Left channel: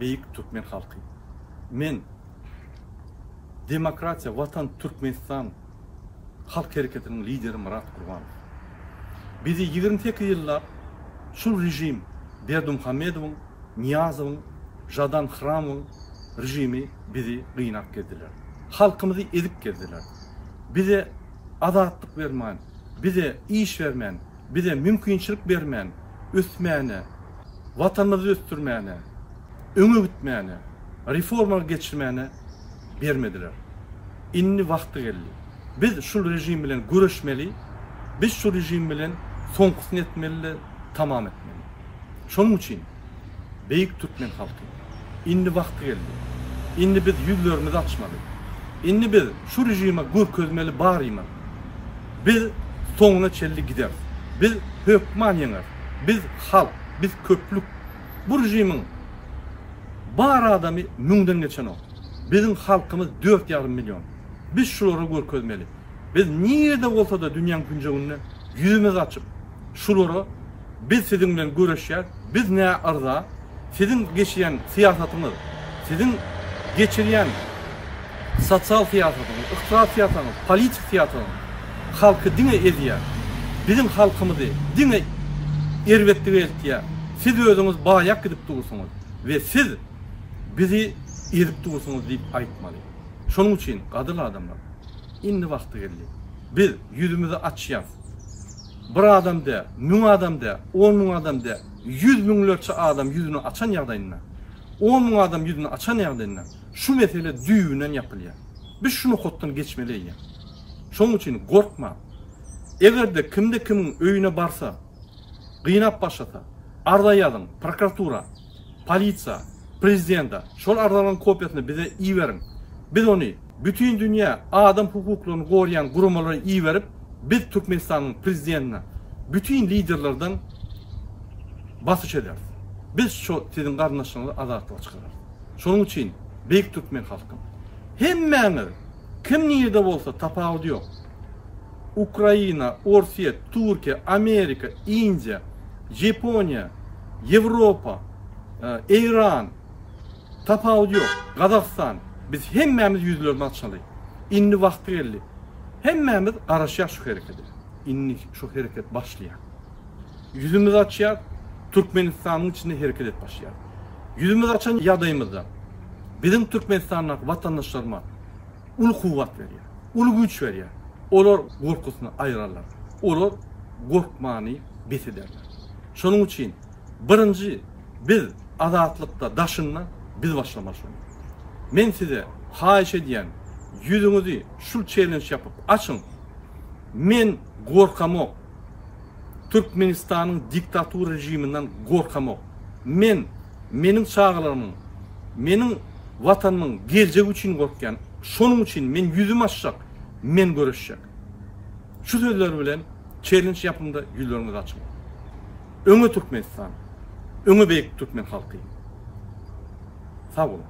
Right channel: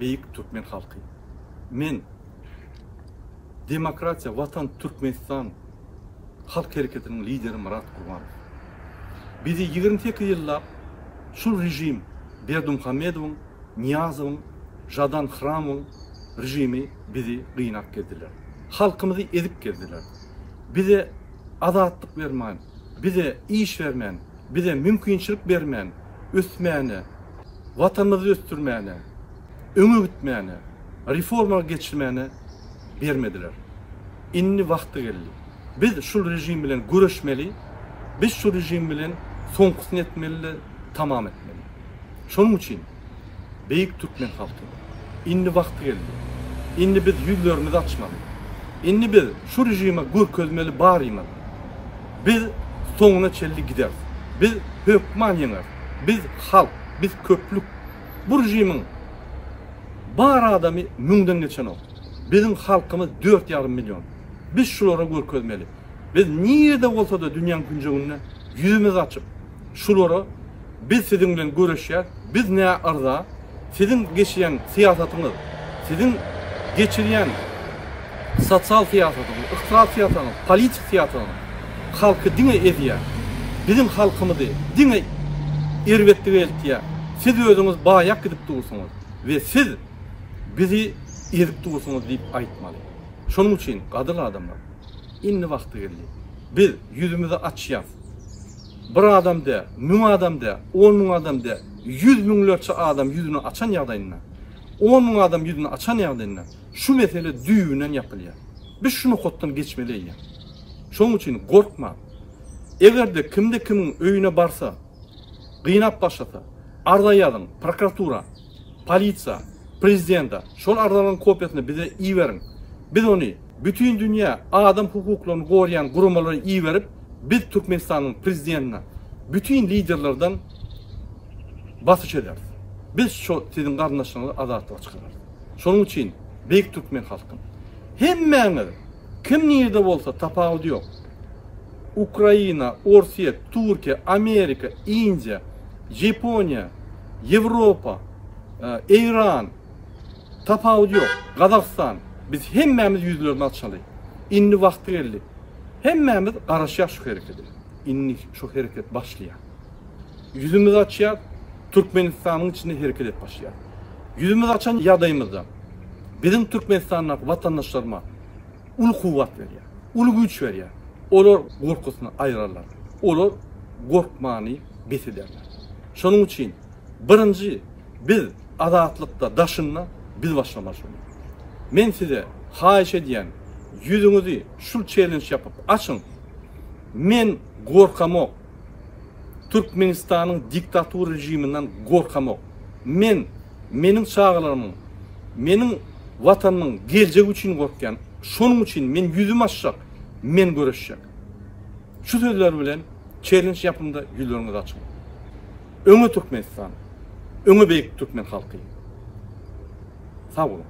Beyik Türkmen halkı. Men Demokratiya Vatan Türkmenistan halk hareketinin lideri Murat Kurmanov. Bizi 22 yıllar şu rejim Berdimuhamedov'un, Niyazov'un, Jadan Hramov'un rejimi bizi kıynak geldiler. Halkımızı ezip geldiler. Bize azatlık vermeyen, bize iş vermeyen, bize mümkünçilik vermeyen, ötmeyene, vatanımızı östürmeyene, ömür gitmeyene, reforma geçirmeyene vermediler. İnni vakti geldi. Biz şu rejim bilen görüşmeli, biz şu rejim bilen sonkısını etmeli, tamam etmeli. Şunun için Beyik Türkmen halkı inni vakti geldi. İnni biz yüzlerimizi açmalı. İnni biz şu rejime gör közmeli bağırıyma. Biz sonuna çelli gider. Biz hükman yener. Biz halk, biz köplük. Bu rejimin bağır adamı münden geçen o. Bizim halkımız 4,5 milyon. Biz şulara gör közmeli. Biz nerede olsa da dünyanın günceliğine yüzümüz açıp şulara biz sizinle görüşer, biz ne arza, sizin geçiren siyasetiniz, sizin geçiren sosyal siyasetiniz, iktisat siyasetiniz, politik siyasetiniz, halkı dine ediyor. Bizim halkımızı dine irvetli eltiye, siz özünüz bayak gidip durursunuz ve siz bizi edip durursunuz deyip aytmalı. Şunun için kadın adamlar, inni vakti geldi. Biz yüzümüzü açacağız. Bir adam da, 1000 adam da, 10.000 adam da, 100.000'lerce adam yüzünü açan yağdayınlar. 10.000 adam yüzünü açan yağdayınlar. Şu mesele düğünden yapılıyor. Biz şunu koddan geçmeliyiz. Şunun için korkma. Eğer de kimde kimin öyüne barsa, kıynap başlasa, arda yazın, prokuratura, polisiya, prezidenta, şol ardaların kopyasını bize iyi verin. Biz onu bütün dünya adam hukuklarını koruyan kurumları iyi verip, biz Türkmenistan'ın prezidentine, bütün liderlerden basış ederiz. Biz şu sizin kardeşlerinizi azatlığa çıkarız. Şunun için Beyik Türkmen halkım, hemen kim nerede olsa tapağı yok. Ukrayna, Rusya, Türkiye, Amerika, India, Japonya, Avrupa, İran, tapağı yok. Kazakistan, biz hemmemiz yüzlerini açmalıyız. İnni vakti geldi. Hemmemiz araşıyor şu hareketi. İnni şu hareket başlıyor. Yüzümüzü açıyor, Türkmenistan'ın içinde hareket et başlıyor. Yüzümüzü açan yadayımızda bizim Türkmenistan'ın vatandaşlarıma ulu kuvvet veriyor, ulu güç veriyor. Olur korkusunu ayırırlar. Olur korkmanı betiderler. Şunun için birinci biz azatlıkta daşınla biz başlamak zorundayız. Men size hayiş ediyen yüzünüzü şu challenge yapıp açın. Men korkamok. Türkmenistan'ın diktatör rejiminden korkamok. Menin çağlarımın, menin vatanımın geleceği için korkken, şunun için men yüzüm açacak, men görüşecek. Şu sözler bilen challenge yapımda yüzlerinizi açın. Öňe Türkmenistan, öňe Beyik Türkmen halkı. Sağ olun.